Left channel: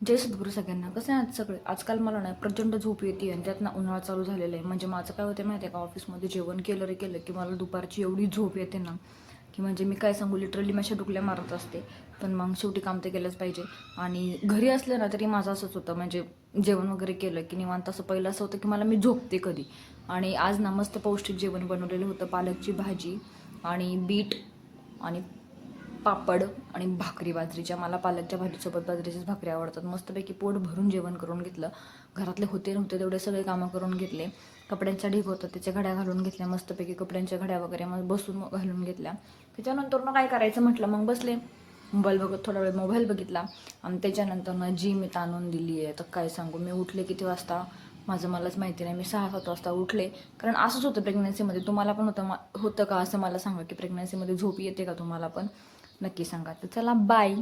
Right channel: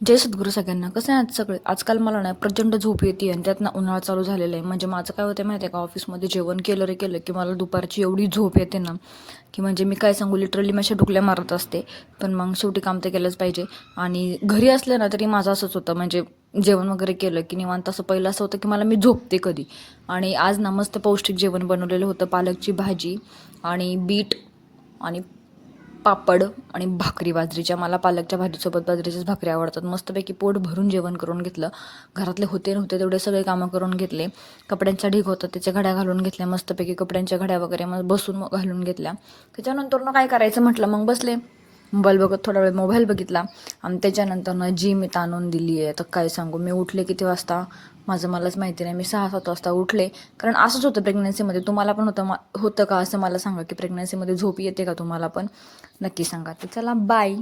जय सद्गुरू सगळ्यांना. कसं आहे आज आजकाल मला ना प्रचंड झोप येते आणि त्यातनं उन्हाळा चालू झालेला आहे. म्हणजे माझं काय होतं माहिती आहे का, ऑफिसमध्ये जेवण केलं रे केलं की मला दुपारची एवढी झोप येते ना, की म्हणजे मी काय सांगू, लिटरली मी अशा डुकल्या मारत असते. पण मग शेवटी काम तर केलंच पाहिजे. आणि घरी असलं ना तरी माझं असंच होतं, म्हणजे जेवण वगैरे केलं की निवांत असं पहिलं असं होतं की मला मी झोपते कधी. आणि आज ना मस्त पौष्टिक जेवण बनवलेलं होतं, पालकची भाजी आणि बीट आणि पापड आणि भाकरी बाजरीच्या. मला पालकच्या भाजीसोबत बाजरीच्याच भाकरी आवडतात. मस्तपैकी पोट भरून जेवण करून घेतलं. घरातले होते नव्हते तेवढे सगळे कामं करून घेतले. कपड्यांचा ढीग होता, त्याच्या घड्या घालून घेतल्या मस्तपैकी, कपड्यांच्या घड्या वगैरे मग बसून मग घालून घेतल्या. त्याच्यानंतर मग काय करायचं म्हटलं, मग बसले मोबाईल बघत, थोडा वेळ मोबाईल बघितला. आणि त्याच्यानंतर जी मी ताणून दिली आहे तर काय सांगू. मी उठले किती वाजता माझं मलाच माहिती नाही, मी 6-7 वाजता उठले. कारण असंच होतं प्रेग्नन्सीमध्ये. तुम्हाला पण होतं का असं मला सांगा, की प्रेग्नन्सीमध्ये झोप येते का तुम्हाला पण? नक्की सांगा. तर चला, बाय.